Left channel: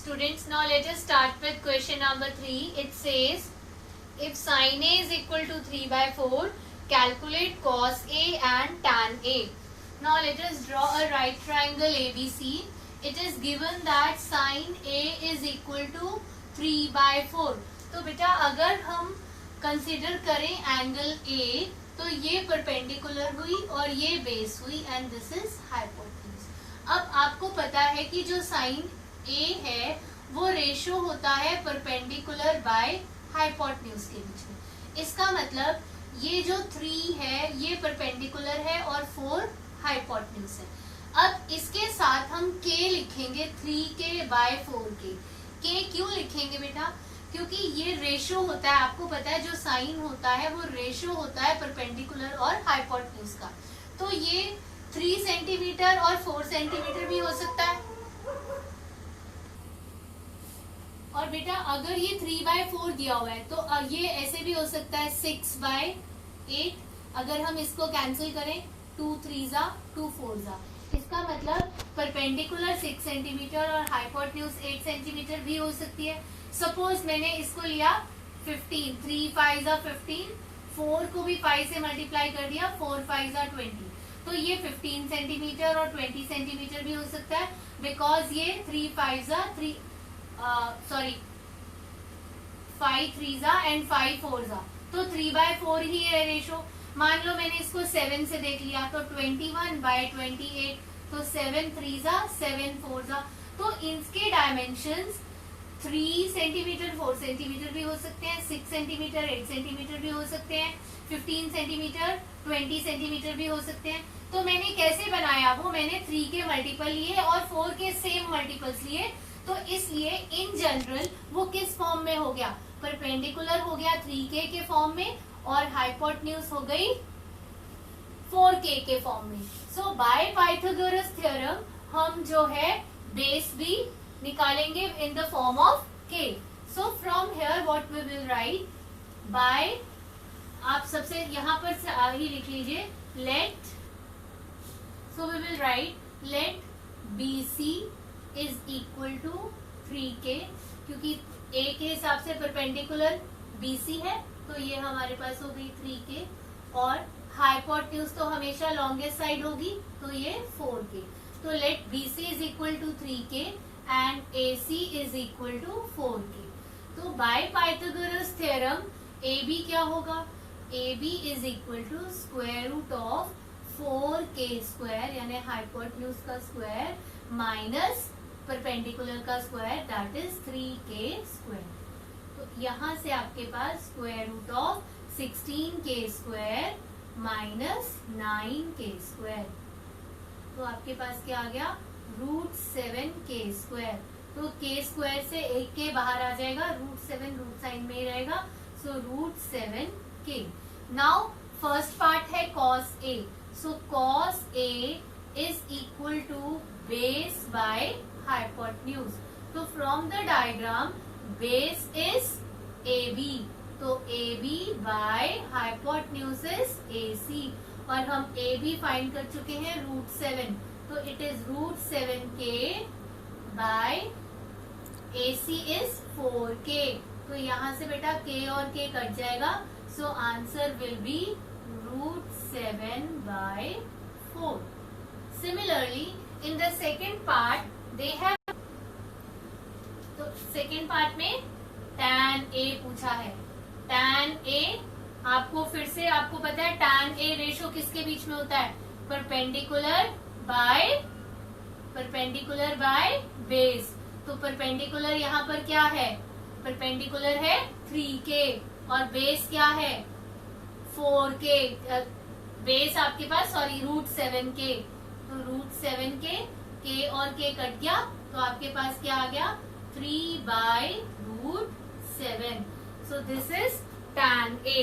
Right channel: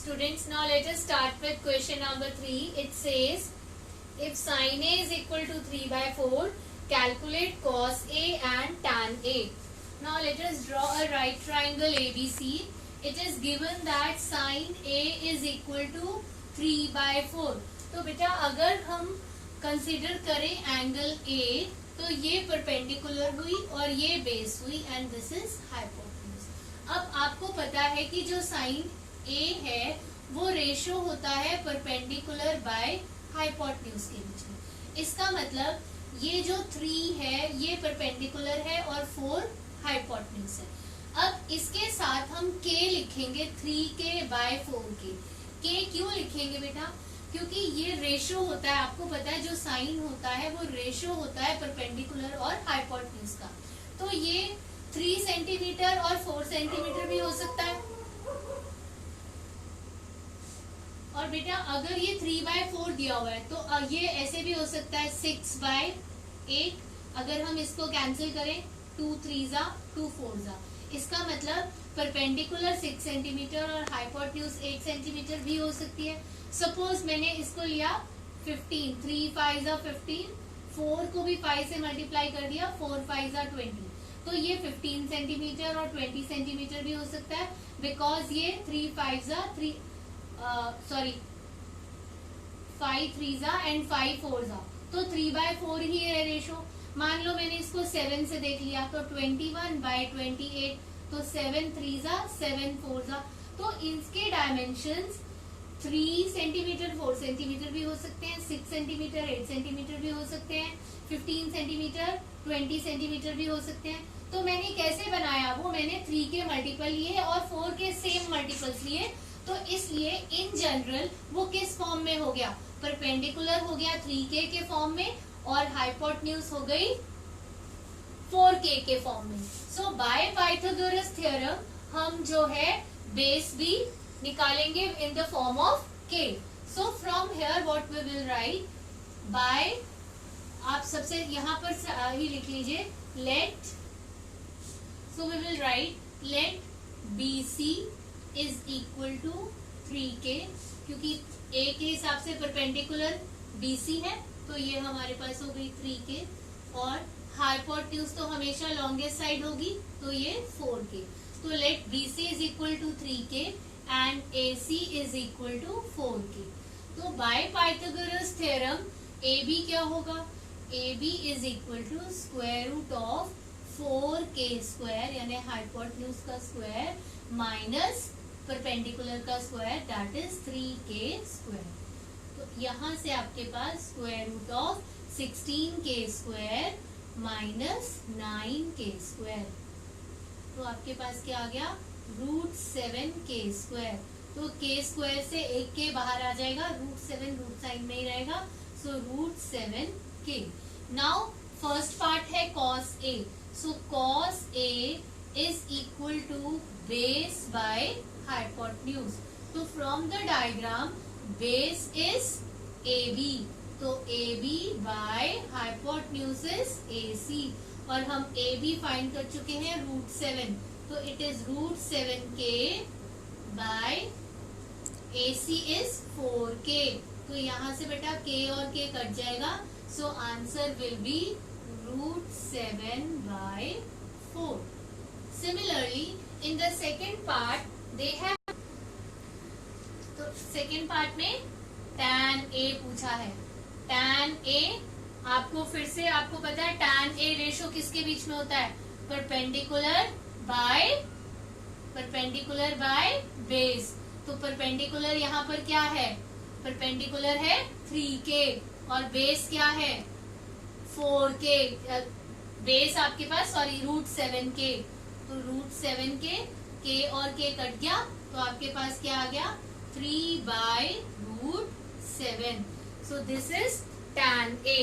Students, now let us start with question number 3. It says, if sin A is equal to 3 by 4, calculate cos A and tan A. Now let us draw a right triangle ABC. It is given that sin A is equal to 3 by 4. तो बेटा अगर हम consider करें angle A, तो ये perpendicular हुई और ये बेस हुई एंड दिस इज हाइपोटेन्यूज. अब आपको पता है कि जो साइन A है वो रेशो होता है परपेंडिकुलर बाय हाइपोटेन्यूज के बीच में. इसका मतलब ये जो 3 है ये परपेंडिकुलर है और 4 हाइपोटेन्यूज है. अब इसके साथ हम K लिखेंगे 3K बाय 4K. K क्यों लिखेंगे बेटा? क्योंकि ये रेशो होता है, आपको पता है जो साइन होता है वो रेशो होता है परपेंडिकुलर और हाइपोटेन्यूज का. तो ये 3 सेंटीमीटर और 4 सेंटीमीटर भी हो सकता है. और बेटा अगर ये 3 बाय 4 दिया हुआ है तो ये ऐसे भी हो सकता है 6 बाय 8. अगर हम इसको कैंसिल करें 2 3 जा 2 4 जा, इसका मतलब परपेंडिकुलर 6 सेंटीमीटर और हाइपोटेन्यूज 8 सेंटीमीटर भी हो सकती है. सपोज मैंने इसको लिया 15, 3 5 जा 15, 4 को भी 5 से मल्टीप्लाई कर दिया, 4 5 जा 20. तो ये 15 सेंटीमीटर और 20 सेंटीमीटर भी हो सकता है बिकॉज ये 3 5 जा 3 5 3 जा एंड 5 4 जा. तो 3 बाय 4 ही है रेशो. मान लो मैंने इसको 7 से देख लिया तो 21 बाय 28, तो 7 3 जा 7 4 जा. तो इसके डायमेंशंस 3 सेंटीमीटर 4 सेंटीमीटर भी हो सकते हैं, 6 सेंटीमीटर 8 सेंटीमीटर भी हो सकते हैं, 15 सेंटीमीटर 20 सेंटीमीटर भी हो सकते हैं. तो मैंने कैसे बनाया, वो मैंने 3 के मल्टीपल लिए और 4 के सेम मल्टीपल्स लिए. तो इसलिए इन जनरल वो किस फॉर्म में हो गया, परपेंडिकुलर हो गया 3K के फॉर्म में और हाइपोटेन्यूज हो गई 4K के फॉर्म में. सो बाय पाइथागोरस थ्योरम हम जो है बेस भी निकालेंगे in the form of K. So from here what we will write by, आप सबसे यहाँ पर ही लिख लीजिए let. So we will write let BC is equal to 3K, क्योंकि A के हिसाब से परपेंडिकुलर BC है तो ये हमारे पास हो गई 3K और हाइपोटेन्यूज तो हमेशा लॉन्गेस्ट साइड होगी तो ये 4K. तो let BC is equal to 3K and AC is equal to 4K. तो बाय पाइथागोरस थ्योरम AB क्या होगा, AB is equal to square root of 4K square यानी हाइपोटेन्यूज का स्क्वायर माइनस परपेंडिकुलर का square that is 3K square. तो यहाँ से आपके पास square root of 16K square minus 9K square. तो आपके पास क्या आ गया, रूट 7K स्क्वायर. तो K स्क्वायर से एक K बाहर आ जाएगा, रूट 7 रूट साइन में ही रहेगा. So root 7K. Now first part है cos A. So cos A is equal to base by hypotenuse. तो from the diagram base is AB, तो AB by hypotenuse is AC और हम AB find कर चुके हैं रूट 7. तो it is root 7K by AC is 4K. तो यहाँ से बेटा K और K कट जाएगा. So answer will be root 7 by 4. Similarly, in the second part, they have. तो सेकेंड पार्ट में tan A पूछा है. tan A आपको फिर से आपको पता है tan A रेशो किसके बीच में होता है, परपेंडिकुलर बाय बेस. तो परपेंडिकुलर यहाँ पर क्या है, परपेंडिकुलर है 3K और बेस क्या है 4K. बेस आपके पास रूट 7K. तो रूट 7K, K और K कट गया तो आपके पास क्या आ गया 3 by root 7. So this is tan A.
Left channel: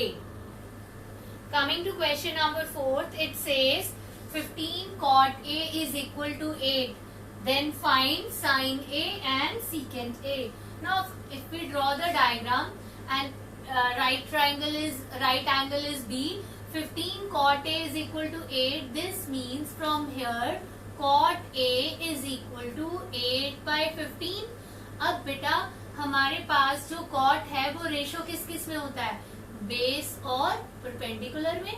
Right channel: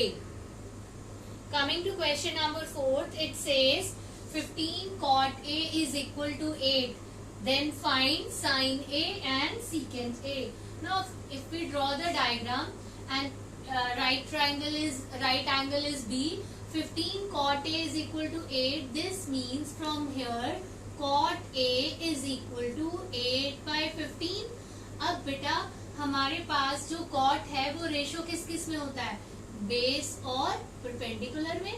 Coming to question number 4, इट सेज 15 cot A is equal to 8. Then find sin A and secant A. Now if we draw the diagram and right angle is B, 15 cot A is equal to 8. This means from here cot A is equal to 8 by 15. अब बेटा हमारे पास जो cot है वो ratio किस किस में होता है, बेस और परपेंडिकुलर में।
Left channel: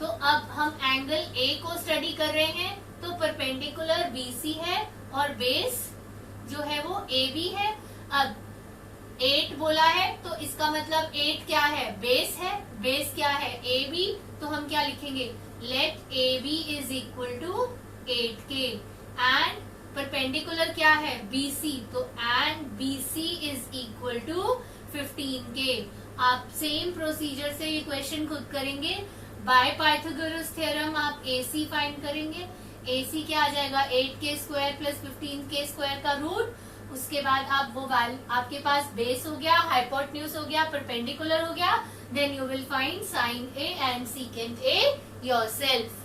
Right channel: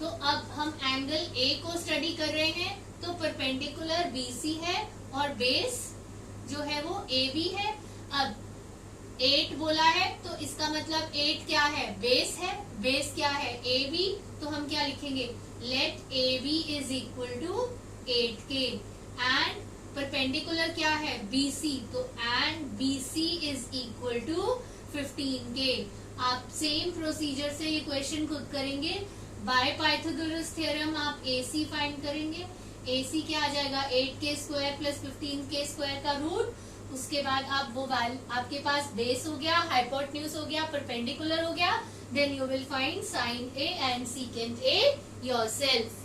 तो अब हम एंगल ए को स्टडी कर रहे हैं, तो परपेंडिकुलर बीसी है और बेस जो है वो ए बी है। अब 8 बोला है तो इसका मतलब 8 क्या है, बेस है। बेस क्या है, ए बी। तो हम क्या लिखेंगे, let A B is equal to 8K and perpendicular क्या है, BC। तो and BC is equal to 15K। आप सेम प्रोसीजर से ये क्वेश्चन खुद करेंगे। बाय पाइथागोरस थ्योरम आप AC फाइंड करेंगे। AC क्या आ जाएगा, 8K square plus 15K square का रूट। उसके बाद आप वो आपके पास बेस हो गया, हाइपोटेन्यूज हो गया, परपेंडिकुलर हो गया, then you will find sine A and secant A yourself.